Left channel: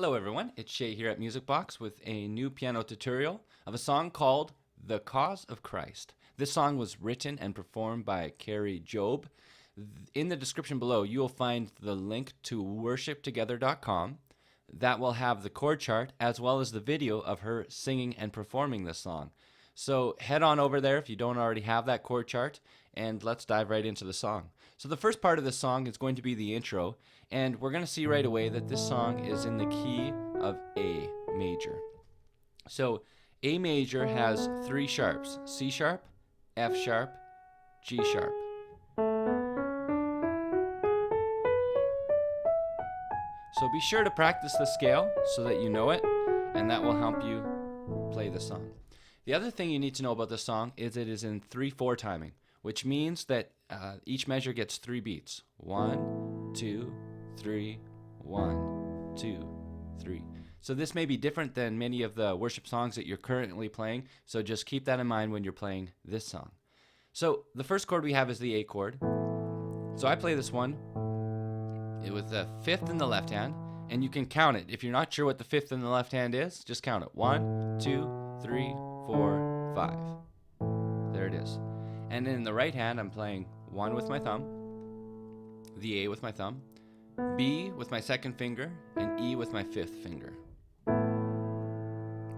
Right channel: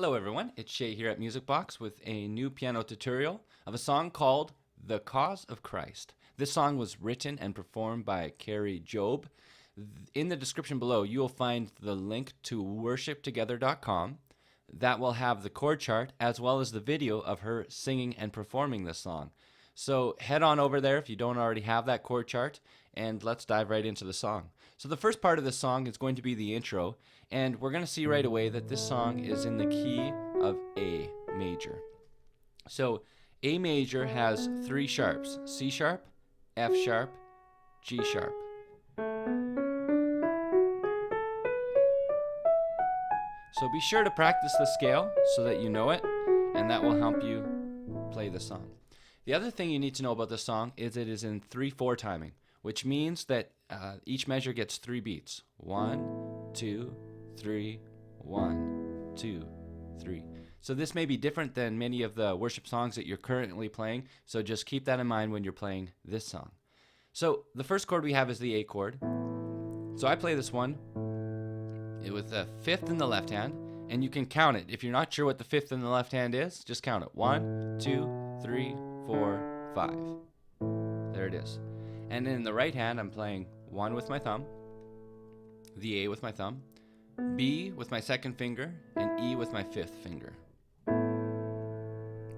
Hello everyone, it's Shay here at Musicbox with a new piano tutorial of a song called The Cause of Christ. This song was written and performed by Kari Jobe. In the description below, you will find the link to worshiptogether.com that will have the chord chart as well as the video of her singing and performing this song. So head on over there if you don't already have that chord chart, and let's dive right into the song. So the first part of the song is going to be the intro, and we're going to see right away that this song is in the key of A major. So A major has three sharps: C sharp, F sharp, G sharp. So be sure to practice the scale so that you know it, and that will help you play the song. The other thing you need to know about this song is it is in 3/4 timing, which means that each measure gets 3 beats. 1, 2, 3, 1, 2, 3. So this may be different than many of the worship songs that you're currently playing, so just keep that in mind when you're playing this song. So the first chord we have is the A chord. So I play this one with the 5th in the left hand, and you can count it. If you're not sure what the 5th in the left hand is, just count it. 1, 2, 3, 4, 5. There it is. And in the right hand, I'm playing 1 with my thumb, the A with my thumb, B with my 2nd finger, and E with my 5th finger.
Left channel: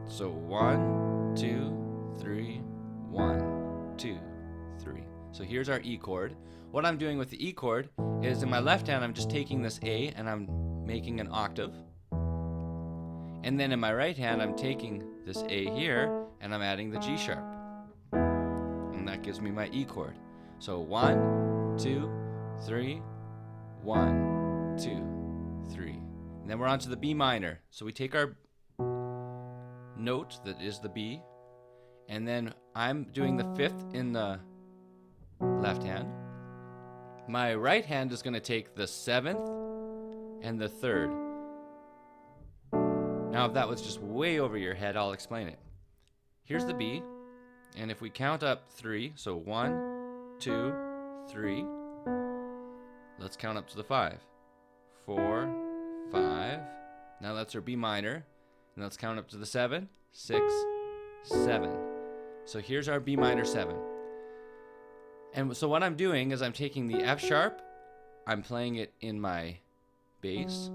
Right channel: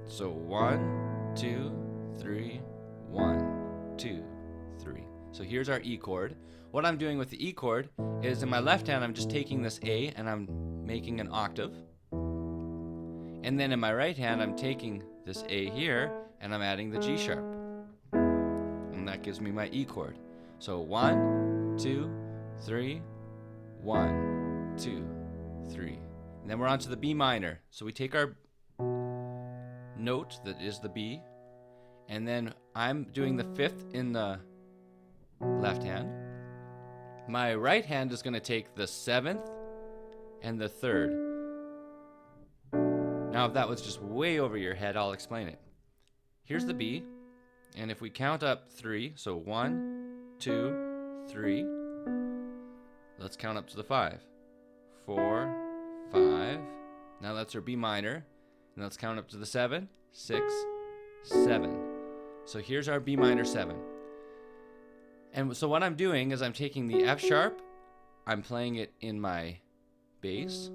So 1, 2, 3, 1, 2, 3. So here's our E chord. What I'm doing with the E chord is in my left hand, I'm just taking this A and I'm making an octave. And then in my right hand, I'm taking this A here and I'm adding the G sharp. And that gives me my E chord. So 1, 2, 3, 1, 2, 3. And then we're on to the B minor. So we take our note that is the B, and then I'm doing the 5th in the left hand. My right hand is going to take the 7th and the 3rd. Now if that was just way over your head, I'll explain it. Here's the B, and if we count up 3, so 1, 2, 3, let's count up to the 5. 4, 5, now that's our B minor, and let's count up to the 7, 6, 7. So here's our B minor 7. And so what I'm doing is I'm taking the F sharp, I'm playing it in my bass,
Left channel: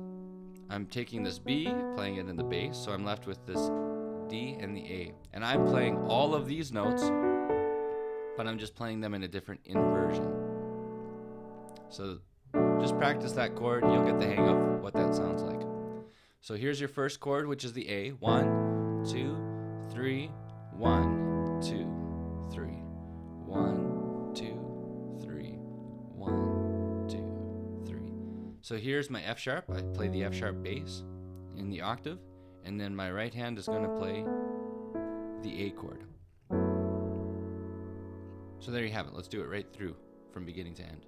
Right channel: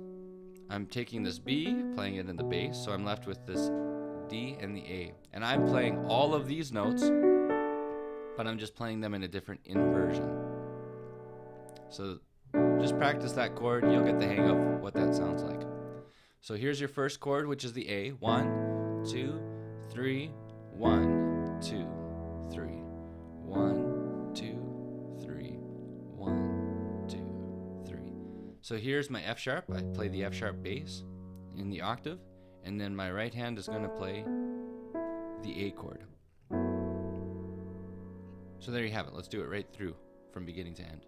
I'm taking this B, playing it in the bass, so I'm left with this D and the A. And I'm playing all of these notes, but I'm just playing them in a different inversion. So just practice that chord, you'll get the hang of what that sounds like. So here's your first chord, which is the A. 1, 2, 3, 1, 2, 3, 1, 2, 3, 1, 2, 3. So here's my F sharp. I play the F sharp bass in the octave, and then my right hand is going to play the A chord. So there you have it. Let's do it right through from beginning to end.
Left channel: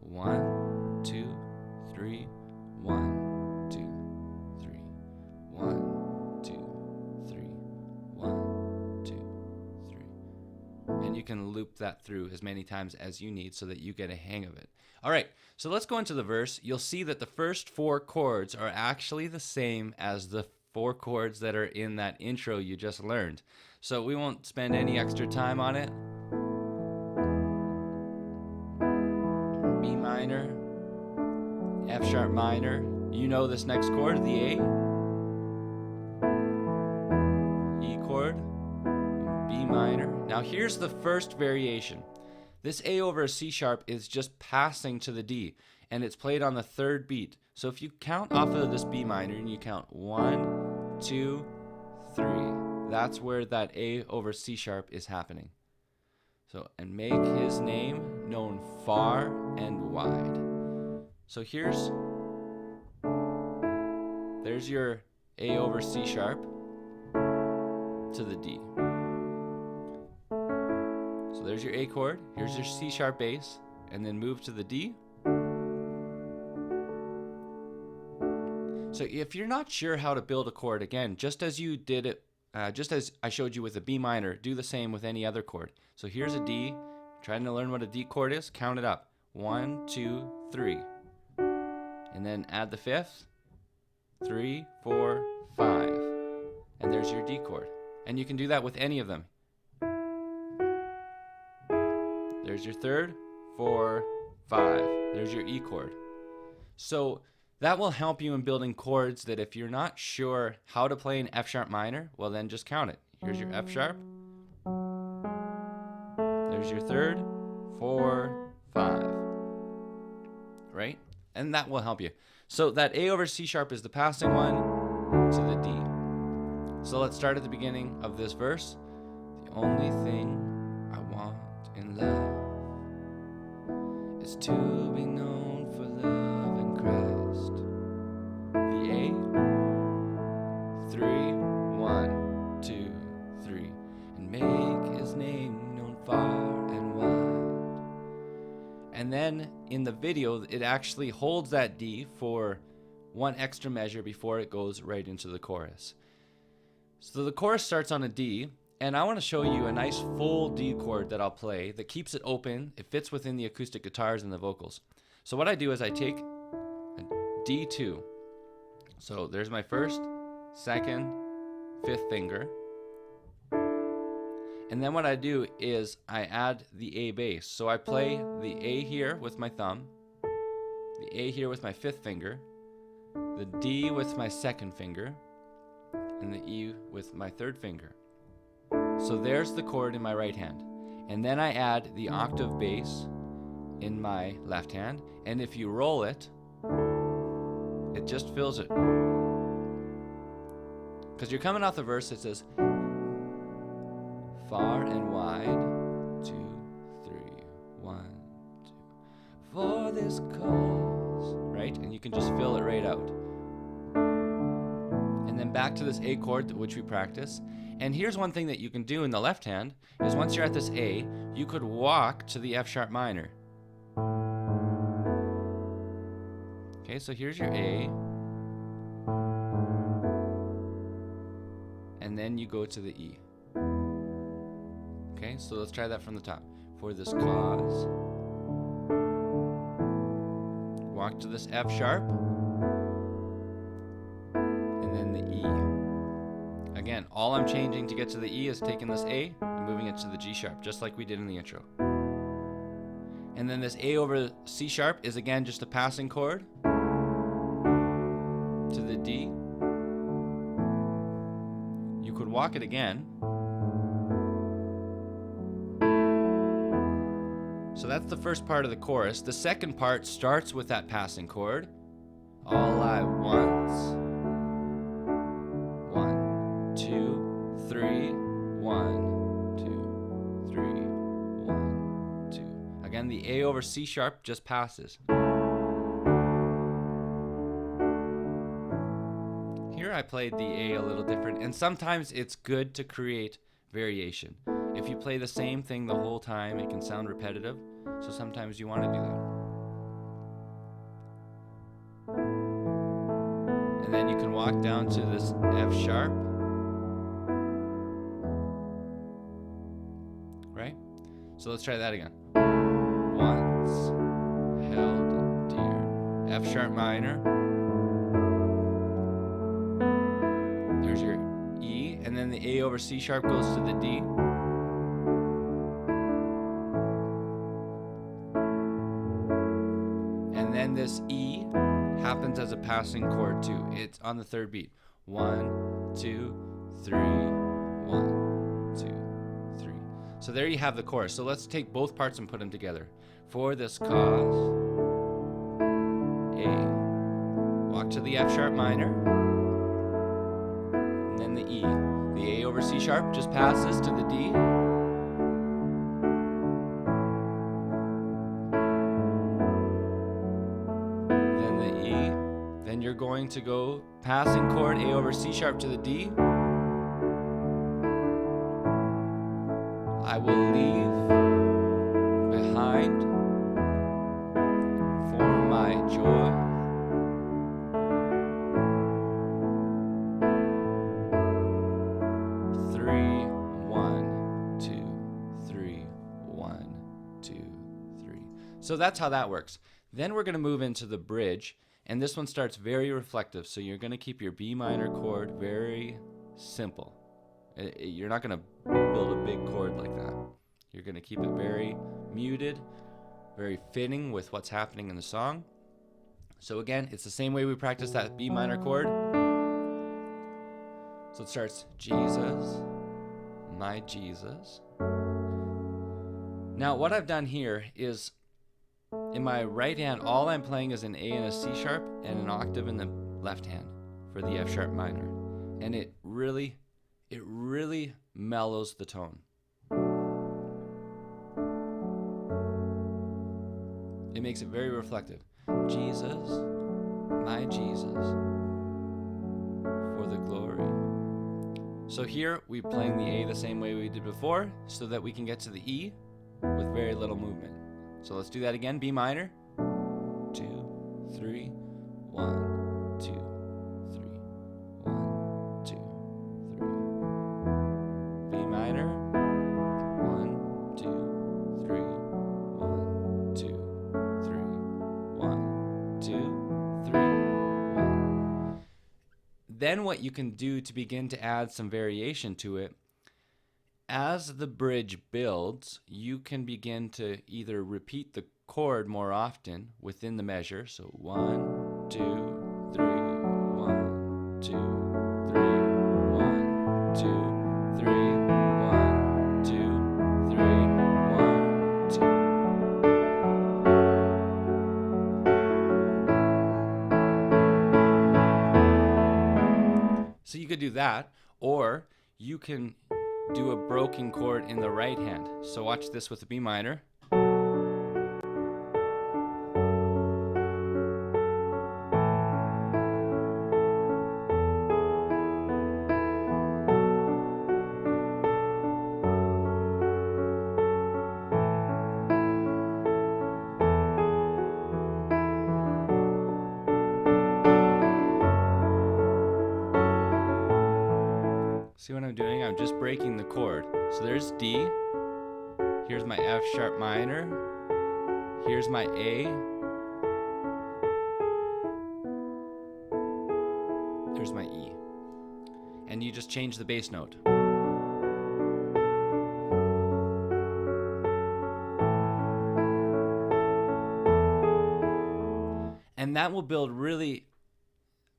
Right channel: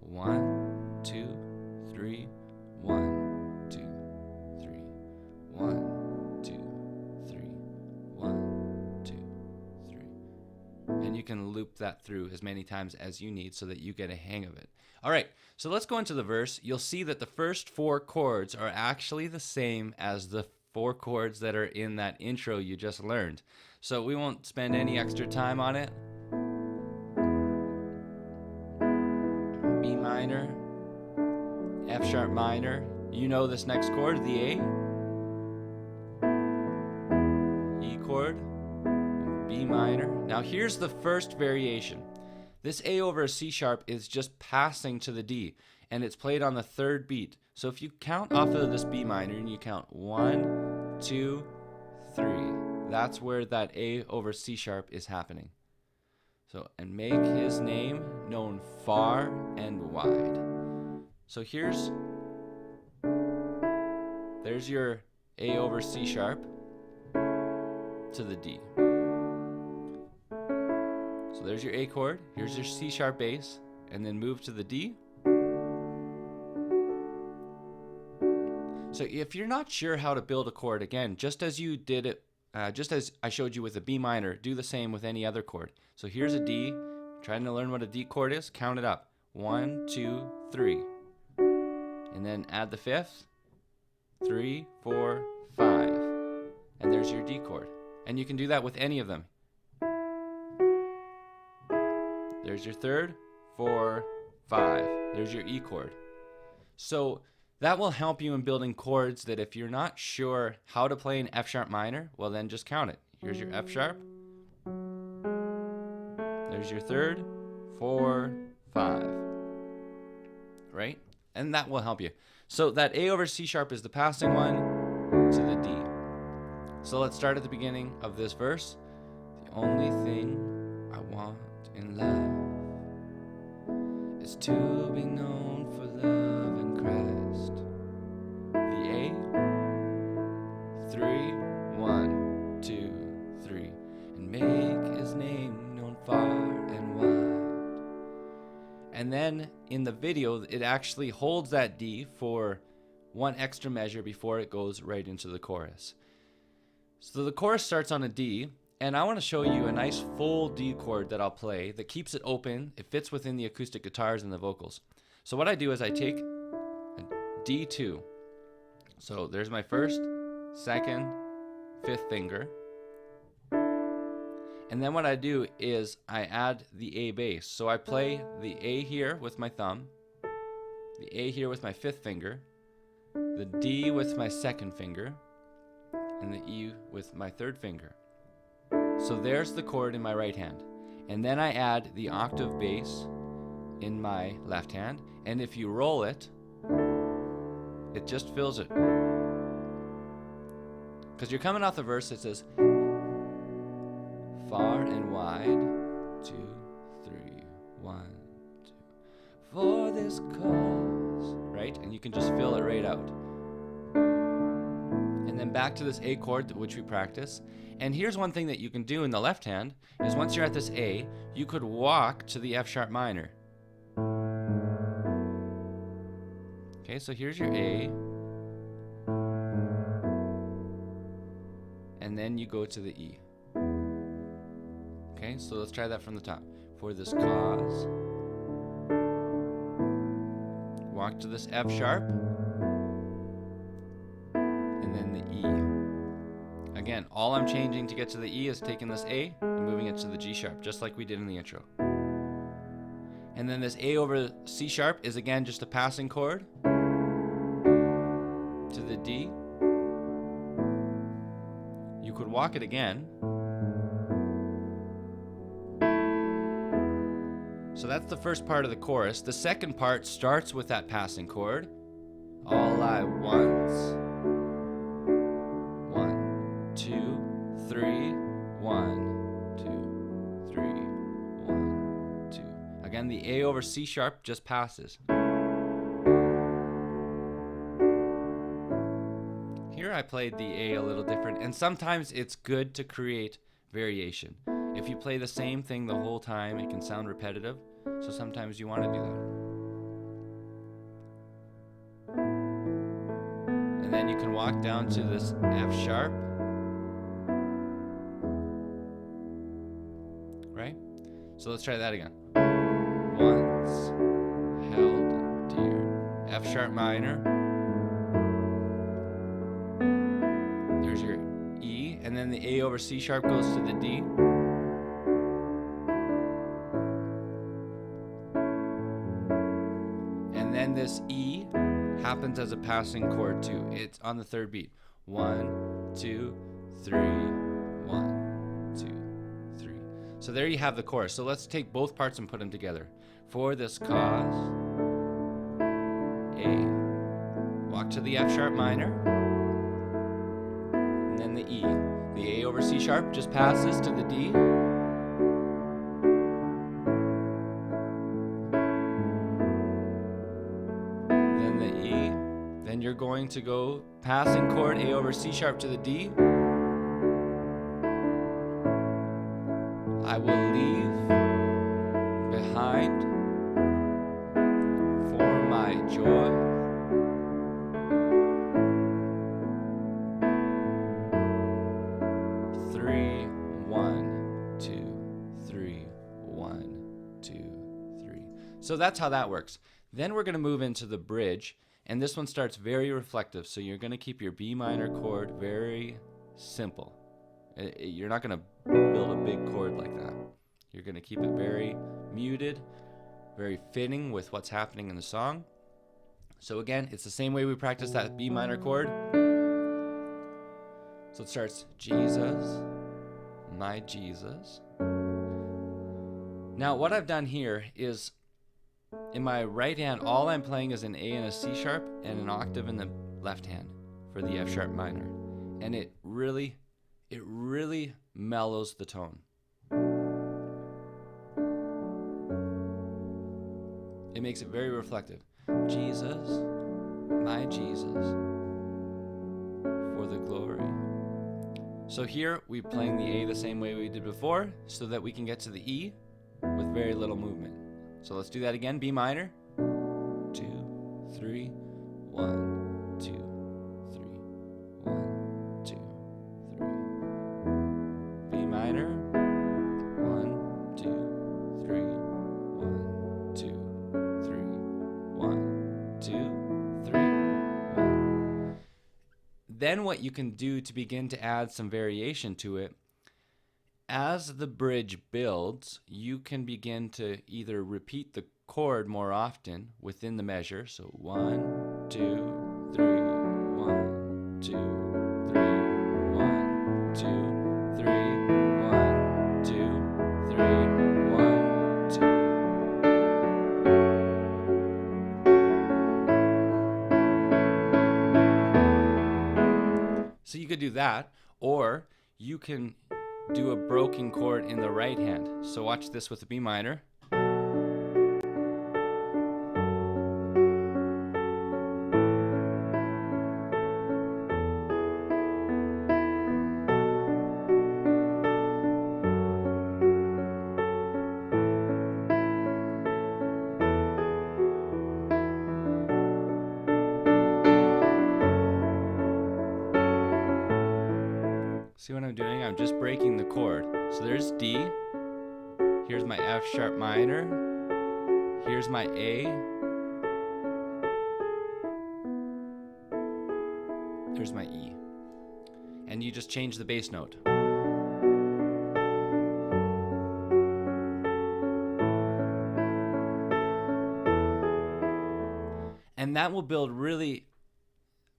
1, 2, 3, 1, 2, 3, 1, 2, 3, 1, 2, 3. And you can loop that through as many times as you need so that you get a hang of it. All right, so let's go into the verse. You'll see that the first 4 chords are actually the same as the 4 chords that are in that intro you just learned. So we won't spend any extra time on it. B minor, F sharp minor, you know this next chord, the A, E chord, B minor. Now here's the first variation. This A over a C sharp is just passing to the D, and it's played on the 3rd beat. So if you count off of this B minor and you count 1, 2, 3, that's where that A over C sharp is happening. So, and make his name known far and wide. So there's your A over C sharp to the D. So there's your A chord, here's your C sharp bass, and then move to the D. So if you're not sure how to build a chord, again, just as you did it, just as I showed you with the B minor, do the same with any other chord. So here's a D. Trying to learn what a D chord is, count it up. 1, 2, 3. And then add the 5th. 3, 4, 5. And there's your D chord. And you can do that with any of them. There's your 3rd, 4, 5. There's your E chord. So that will help you in building chords that if you're not sure how to play an F sharp minor, well then just count it. Here's your F sharp. There's your 3rd, 4, 5. Right? And that will help you. So that A over C sharp is the passing one to the D. So let's start at the beginning of this verse. The only thing I want in love is to be known for love in Christ. The A, 3, 1, 2, 3, and make his name known far and wide. And then in the video, it actually holds that D for one extra measure before it goes right into the chorus. So the chorus starts on a D, and I want to show you a nice full D chord that I'll play that keeps it open. It fits within the acoustic guitars and the vocals. So what I do is I take a D2. So there's my 1st, 2nd, 5th finger. And then what I do is I add the A bass. So I play the A here with my thumb, the A here with my 5th finger, the D with my 2nd finger, and the E with my 3rd finger. So there's the chord in my right hand. And then I add the octave bass in my left hand. And if you roll it, it just fills it. Because you're coming off the verse, it says, far and wide, 2, 3, 1, 2, for this cause, right? And you can just fill it right out. And then back to this A chord, which we practice. And here's one thing that you can do in the left hand, is once you're at this A, you could walk to the F sharp minor. Okay, so here's your A. And then you go to the E. Okay, so let's try that from the top. For this cause. Walk to this F sharp. And then the E. Again, all I'm changing to get to the E is taking this A and moving it to the G sharp, just like we did in the intro. And then this A over C sharp is again just a passing chord to the D. You could walk it again. So that's the first part of the chorus. The second part starts with that passing chord. All I want. 1, 2, 3, 1, 2, 3, 1, 2. Again, the A over C sharp just passes. Here I played the A a little different, and sometimes it's good to create variation. If you play the same thing the whole time, it can sound repetitive, so sometimes you want to do that. And then you can walk down to this F sharp, right? So let's try that again. Once held dear. F sharp minor. There's your E, and then the A over C sharp goes to the D. And then this E happens as a passing chord too. It's on the 3rd beat. 1, 2, 3, 1, 2, 3. So there you have the chorus. So let's take both parts and put them together. For this cause, A. Walk to the F sharp minor. And then the E. The A over C sharp just passes to the D. Then the E. Then you're going to go passing chord A over C sharp to the D. I will leave behind for my joy. Three, 1, 2, 3, 1, 2, 3. So that's how that works. Then we're going to move into the bridge. And this one starts very reflective, so you're going to keep your B minor chord very simple. You're not going to build a big chord like that. You're going to keep it very muted, very fitting with what's happening in the song. So again, it's the same way we practice that B minor chord. So it starts, Jesus, my Jesus. Now what I've done here is, in my right hand, all I'm playing is an A and a C sharp and an octave in the left hand for the F sharp minor. And it really mellows the tone. It makes it very reflective. Jesus, my Jesus, for the glory. So here we're playing the A the same way we did before, so that we can get to the E with very little movement. So let's do that again. B minor. 2, 3, 1, 2, 3, 1, 2, 3. B minor. 1, 2, 3, 1, 2, 3, 1, 2, 3, 1. Then what you can do to begin to add some variation to it, as the bridge builds, you can begin to either repeat the chord more often within the measure. So 1, 2, 3, 1, 2, 3, 1, 2, 3, 1, 2, 3, 1, 2. So you could do that, or you can do a broken chord in the right hand. So watch this with the B minor. See what I'm doing? I'm just breaking the chord. So there's D. Here's my F sharp minor. Here's my A. There's my E. And you just change the bass note. And that will build really,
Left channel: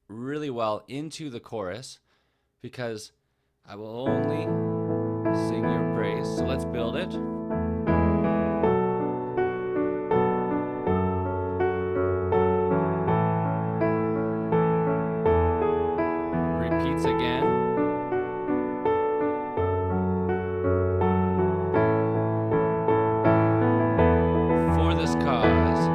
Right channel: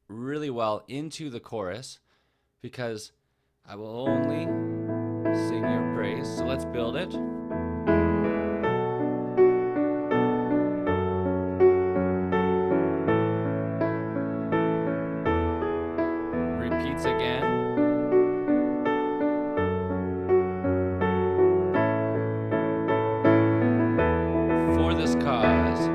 really well into the chorus, because I will only sing your praise. So let's build it. Repeats again. For this cause.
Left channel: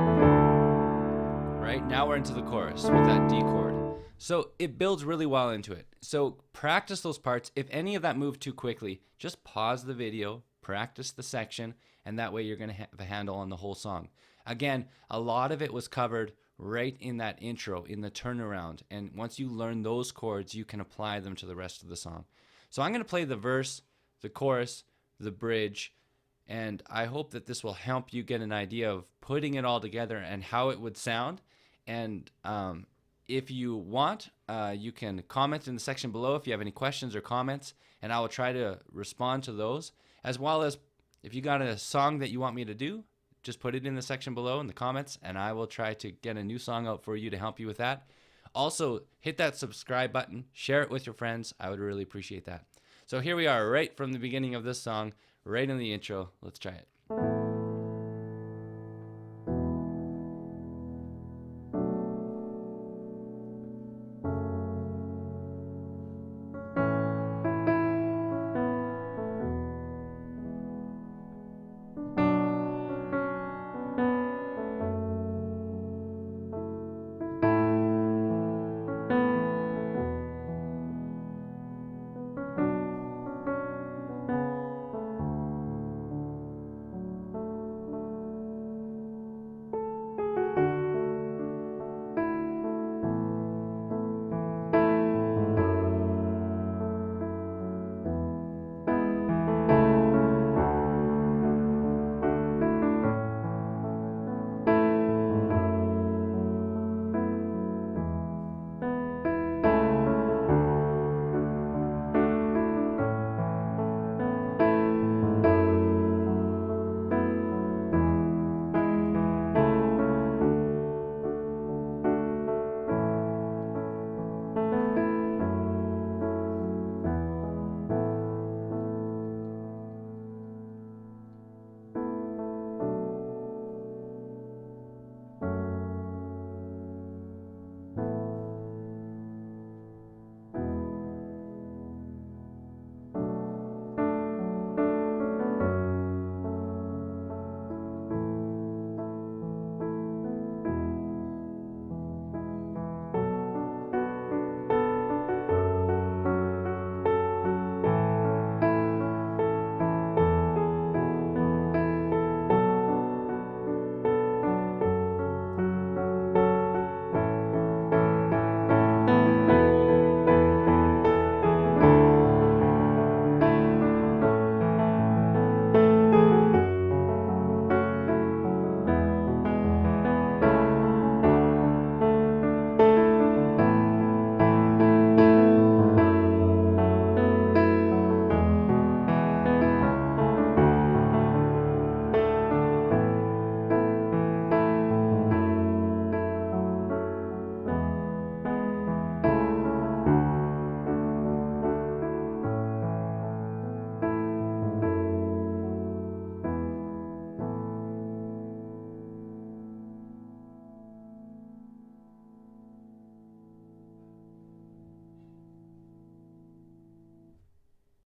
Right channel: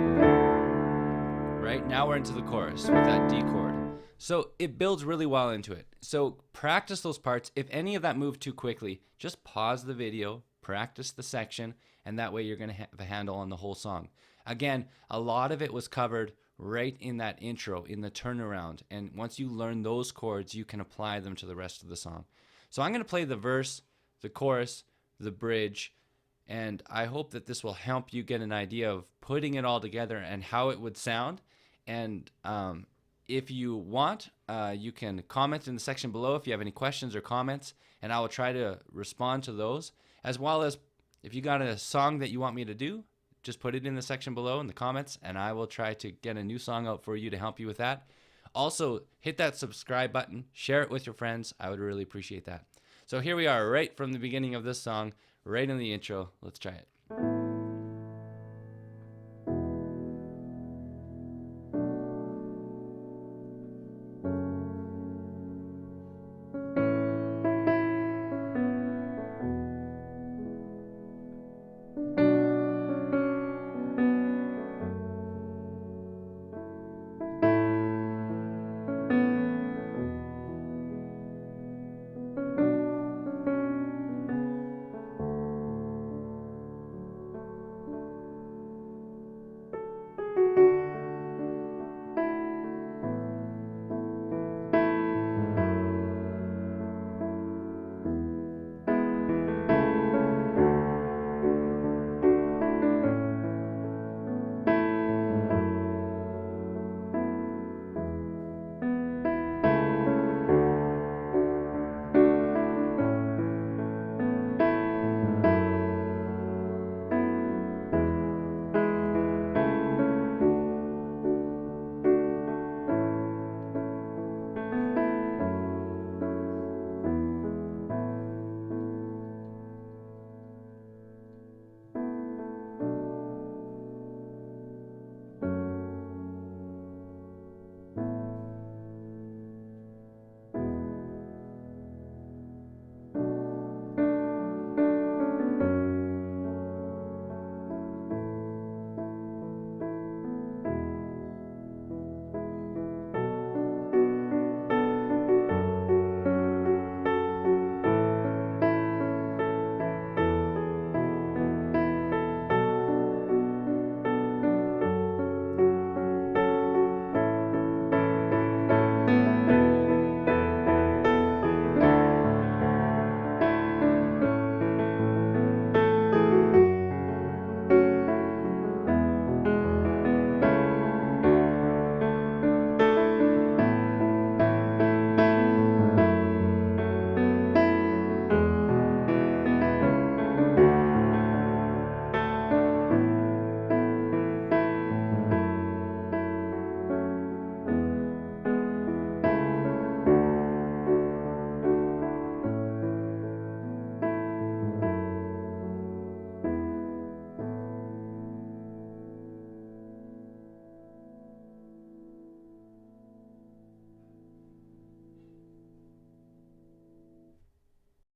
Right? Now we're into the chorus with that D chord. So it builds really well into it. So practice those parts. If any of that moved too quickly, just pause the video, practice the section, and that way you're going to have a handle on the whole song. Again, a lot of it was covered right in that intro, in the turnaround. And once you learn those chords, you can apply them to the rest of the song. So I'm going to play the verse, the chorus, the bridge, and I hope that this will help you get an idea of putting it all together and how it would sound. And if you want, you can comment in the section below if you have any questions or comments, and I will try to respond to those. As well as, if you got a song that you want me to do, just put it in the section below in the comments, and I will try to get a new song out for you to help you with that. Also, hit that subscribe button, share it with your friends. I would really appreciate that. So here we are, right from the beginning of this song, right in the intro. Let's try it.